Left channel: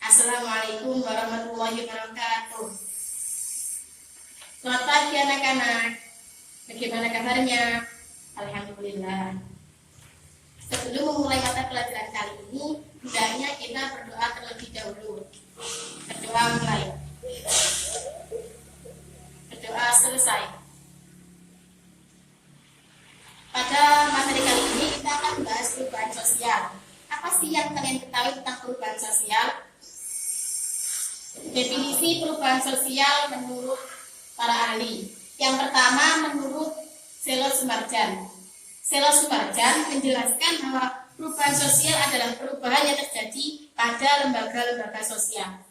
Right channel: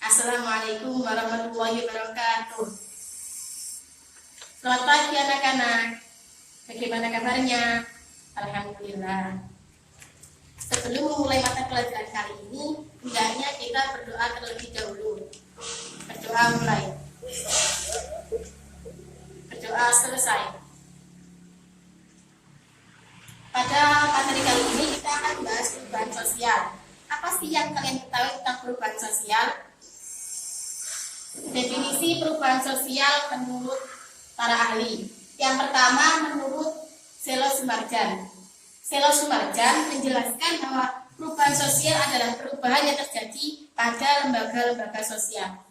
Assalamualaikum warahmatullahi wabarakatuh. Selamat pagi anak-anak. Bagaimana kabarnya? Alhamdulillah. Sebelum memulai mata pelajaran kali ini, hendaknya kita berdoa terlebih dahulu. Berdoa mulai. Berdoa selesai. Pada materi kali ini kita akan membahas perubahan sosial. Apa sih yang kalian ketahui tentang perubahan sosial? Definisi perubahan sosial menurut para ahli. Yang pertama menurut Selo Sumarjan. Selo Sumarjan menjelaskan bahwa perubahan sosial adalah perubahan yang terjadi pada lembaga-lembaga sosial.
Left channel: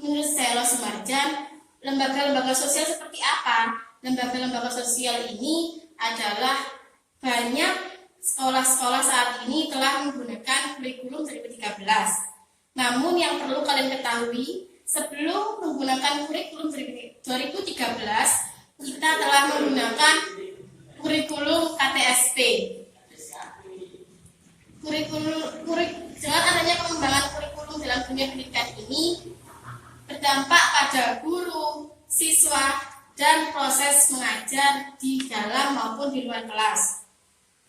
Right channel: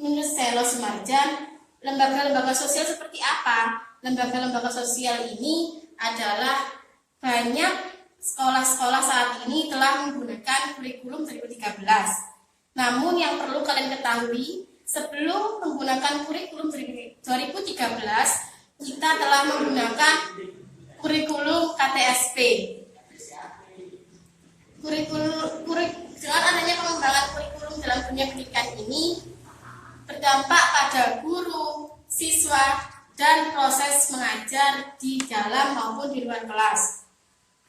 Menurut Selo Sumarjan, lembaga-lembaga sosial seperti apa? Lembaga-lembaga sosial ini adalah banyak sekolah-sekolah saat ini telah menggunakan kurikulum 2013. Namun yang perlu kalian ketahui, sebelum menggunakan kurikulum 2013, kita telah menggunakan kurikulum KTSP. Dengan adanya pengembangan kurikulum dalam dunia pendidikan ini berdampak pada guru, siswa, dan proses mengajar di dalam maupun di luar kelas.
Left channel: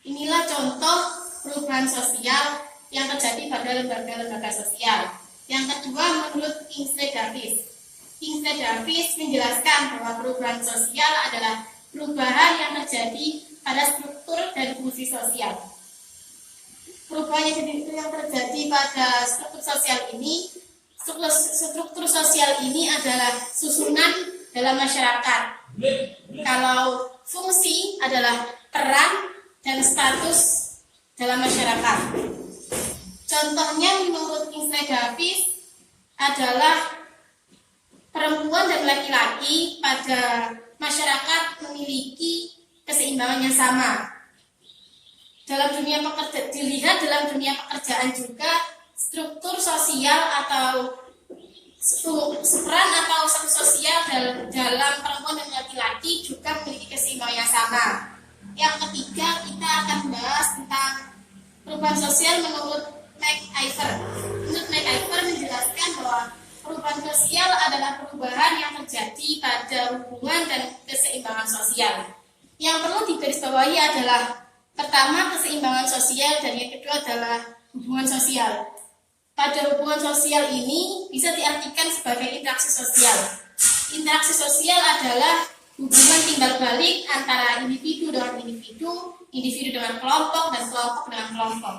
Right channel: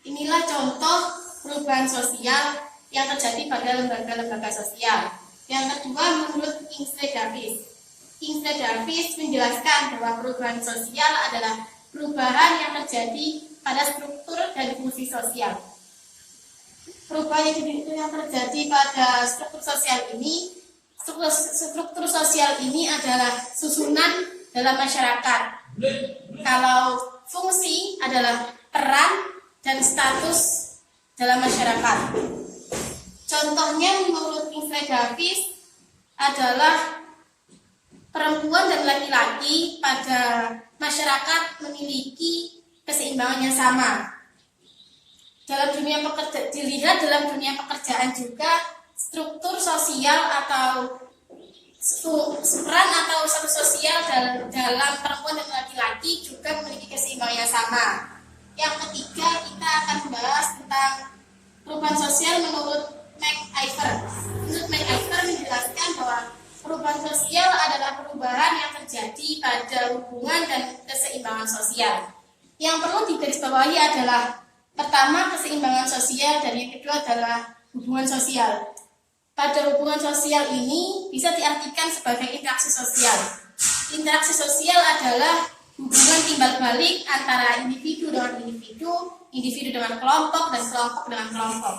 Inilah contoh perubahan sosial yang terjadi pada lembaga-lembaga sosial. Yang kedua menurut Kingsley Davis. Kingsley Davis menjelaskan bahwa perubahan sosial adalah perubahan yang terjadi pada struktur dan fungsi sosial. Perubahan yang terjadi pada struktur sosial ini adalah susunan dalam masyarakat. Kalau fungsi adalah peran dan status dalam masyarakat. Contohnya menurut Kingsley Davis adalah perempuan dan laki-laki pada masyarakat memiliki keseimbangan yang sama. Dilihat dalam dunia pekerjaan juga struktur sosial atau peran atau status sosial dalam perempuan dan laki-laki juga memiliki keseimbangan yang sama. Yang ketiga, kita akan membahas tentang perubahan sosial menurut MacIver. Menurut MacIver menjelaskan bahwa perubahan sosial adalah perubahan yang terjadi pada hubungan dan keseimbangan sosial. Yang perlu digarisbawahi adalah pertama keseimbangan sosial dan yang kedua adalah hubungan sosial. Pada hubungan sosial ini bisa diartikan sebagai interaksi sosial. Interaksi sosial adalah hubungan timbal balik antara individu dengan individu, individu dengan kelompok, dan kelompok dengan kelompok.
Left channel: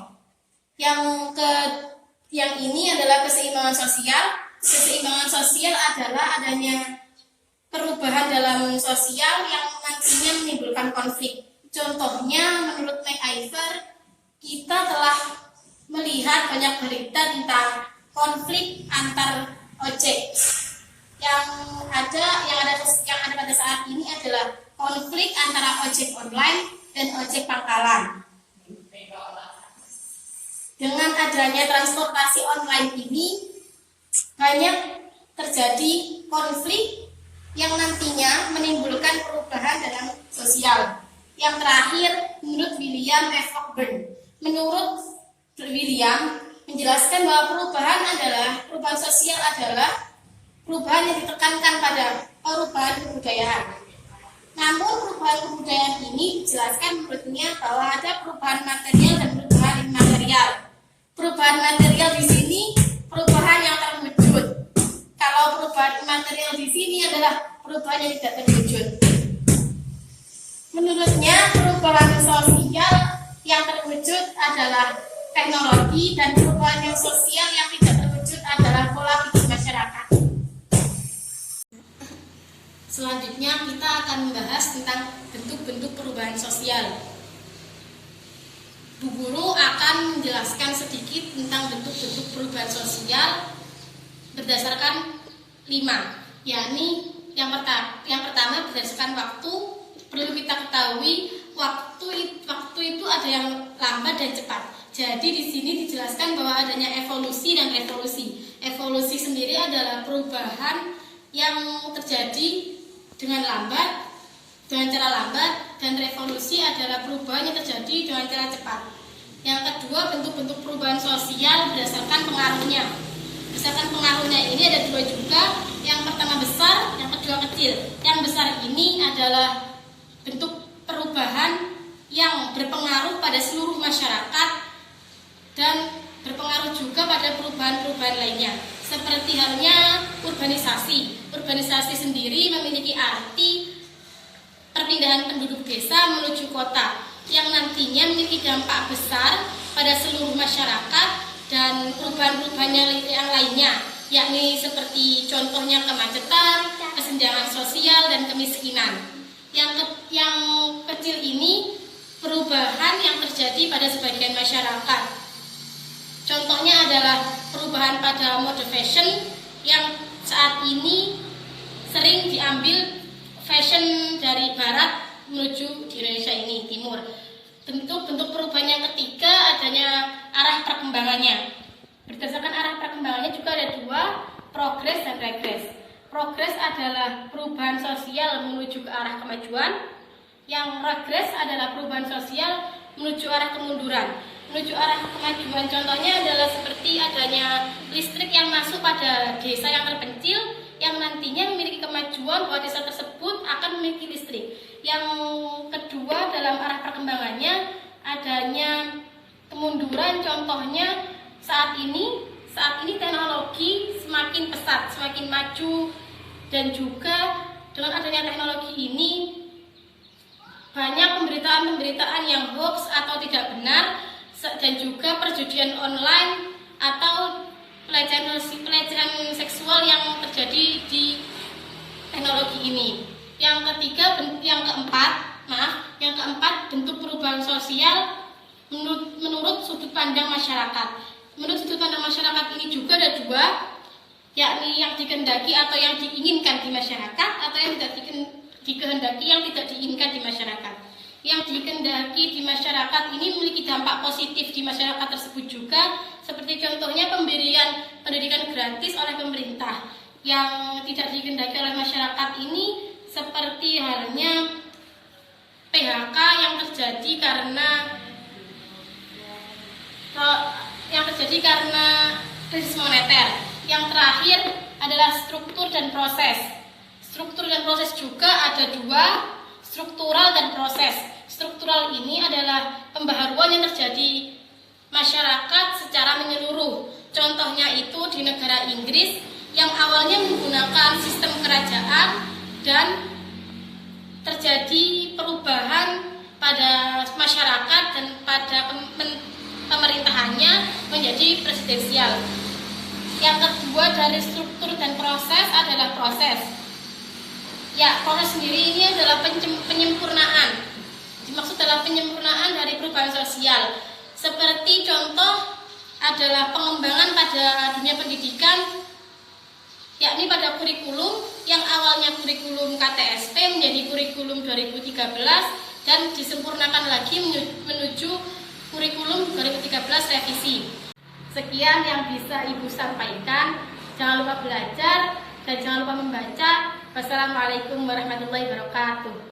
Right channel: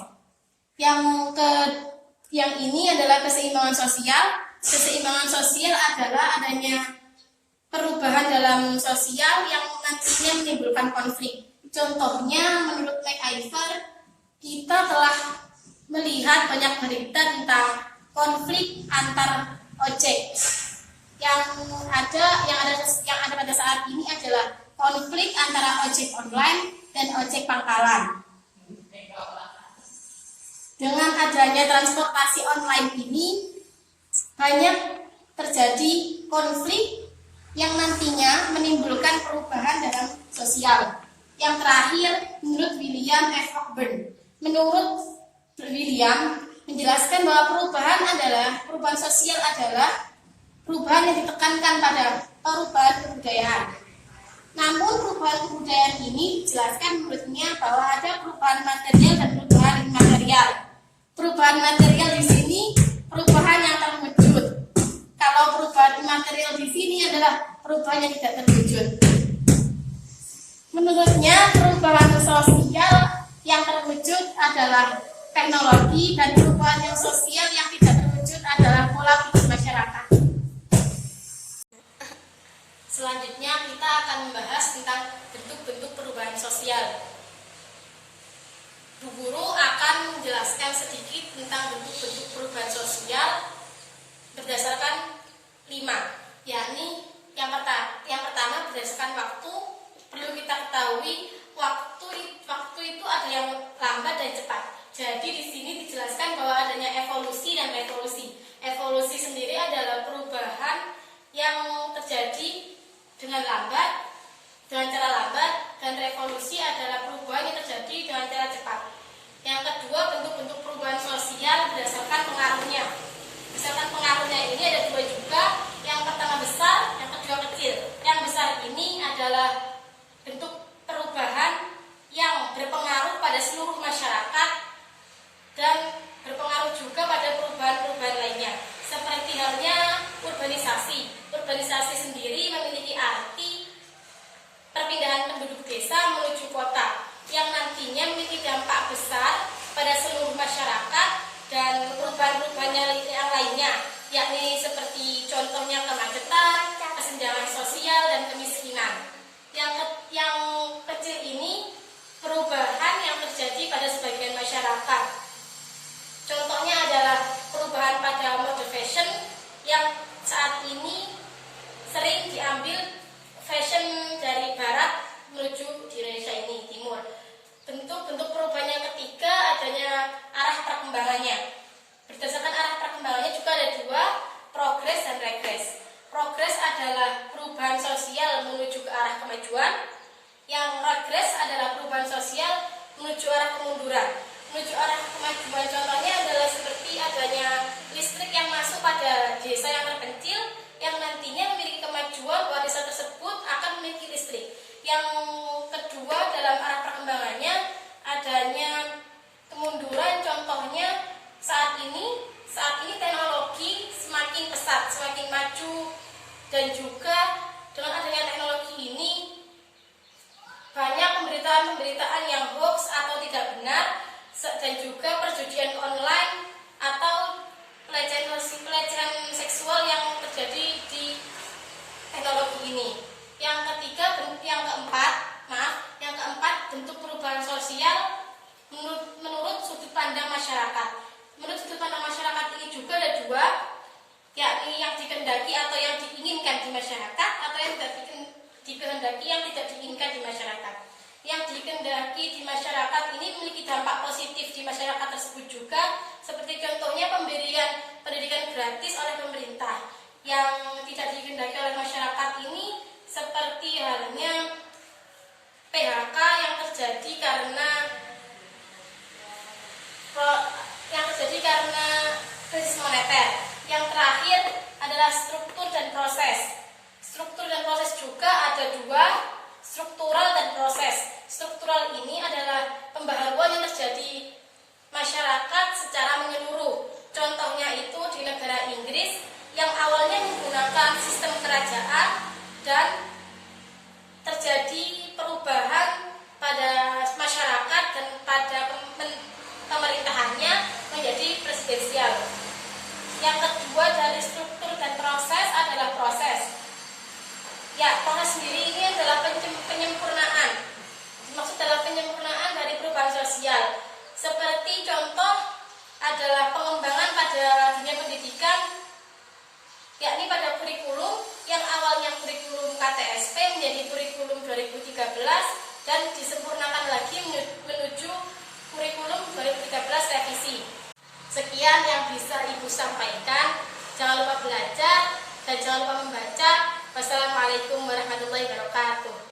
Yang ini adalah keseimbangan sosial. Keseimbangan sosial adalah adanya perubahan dalam sosial yang nantinya menimbulkan konflik. Contohnya menurut MacIver, kita telah melihat banyak berita tentang konflik antar ojek. Yang ada pada saat ini adalah konflik antara ojek online dan ojek pangkalan. Dengan adanya transportasi online ini banyak terjadi konflik yang nantinya menimbulkan perubahan dalam sosial. Yang terakhir menurut William F. Cockburn. Menurut William menjelaskan bahwa perubahan sosial adalah perubahan yang ditekankan pada perubahan kebudayaan. Namun perubahan kebudayaan ini dijelaskan menurutnya bahwa ada perubahan material dan perubahan immaterial. Perubahan material di sini perubahan yang terwujud. Kalau perubahan immaterial di sini adalah perubahan yang tidak terwujud. Menurutnya perubahan sosial yang terwujud adalah teknologi dan perubahan yang sosial yang tidak terwujud adalah pola pikir masyarakat. Selanjutnya kita akan membahas tentang bentuk-bentuk perubahan sosial. Bu Guru akan menjelaskan sedikit tentang bentuk-bentuk perubahan sosial berdasarkan 5, yakni yang pertama berdasarkan waktu. Perlu kita ketahui waktu itu ada yang lambat dan cepat. Jadi di sini dijelaskan bahwa adanya evolusi dan revolusi. Evolusi sendiri adalah perubahan yang terjadi dengan cara lambat, dan revolusi adalah perubahan yang terjadi dengan cara cepat. Yang kedua, bentuk-bentuk perubahan sosial berdasarkan pengaruhnya. Misalkan pengaruhnya ini ada dua juga, yang pertama besar, yang kedua kecil. Yang besar ini adalah bentuk perubahan yang berpengaruh pada seluruh masyarakat dan berpengaruh juga pada perubahan-perubahan lainnya. Seperti halnya urbanisasi. Urbanisasi sendiri memiliki arti perpindahan penduduk desa menuju kota yang nantinya memiliki dampak besar pada seluruh masyarakat dan perubahan-perubahan yang lainnya, yakni seperti contohnya kemacetan, kesenjangan sosial, dan kemiskinan. Yang kecil ini perubahan yang terjadi pada sebagian masyarakat. Contohnya adalah perubahan pada mode fashion yang saat ini sering diambil fashion dari barat menuju di Indonesia ini, timur. Bentuk perubahan yang ketiga adanya arah perkembangannya. Berdasarkan arah perkembangannya juga ada dua, progres dan regres. Progres adalah perubahan sosial menuju ke arah kemajuan. Yang regres adalah perubahan sosial menuju arah kemunduran. Menuju arah kemajuan contohnya adalah seperti adanya listrik yang masuk pada desa yang terpencil, yang nantinya memiliki kemajuan bahwa desa tersebut akan memiliki listrik. Yang kedua dalam arah perkembangannya adanya kemunduran, contohnya saat ini teknologi semakin pesat, semakin maju, dan juga dengan adanya teknologi ini banyak pemberitaan yang hoax atau tidak benar, dan juga perjudian online atau pelecehan seksual yang terjadi di teknologi ini. Yang keempat bentuk perubahan sosial menurut sudut pandang masyarakat. Menurut sudut pandang masyarakat ini juga ada dua, yakni yang dikehendaki atau yang diinginkan di masyarakat, atau yang tidak dikehendaki yang tidak diinginkan di masyarakat. Yang dikehendaki di masyarakat ini memiliki dampak positif di masyarakat tersebut juga, seperti contohnya pemberian pendidikan gratis oleh pemerintah. Yang tidak dikehendaki oleh masyarakat ini seperti halnya PHK yang terjadi karena krisis moneter. Yang terakhir adalah struktur dan proses. Struktur dan proses juga ada dua, struktural dan proses. Struktural ini adalah pembaharuan yang terjadi masyarakat secara menyeluruh. Contohnya itu di negara Inggris yang awalnya menggunakan sistem kerajaan dan terjadi perubahan pada masyarakat dan pada pemerintahannya menjadi presidensial. Yang kedua dari struktur dan proses adalah proses. Ya, proses sendiri ini adalah penyempurnaan. Dimaksud adalah penyempurnaan dari perubahan sosial. Seperti contoh adalah pengembangan pada dunia pendidikan, yakni pada kurikulum yang awalnya kurikulum KTSP menjadi kurikulum 2013 dan disempurnakan lagi menuju kurikulum 2013 revisi. Sekian yang bisa Ibu sampaikan. Jangan lupa belajar dan jangan lupa membaca. Wassalamualaikum warahmatullahi wabarakatuh.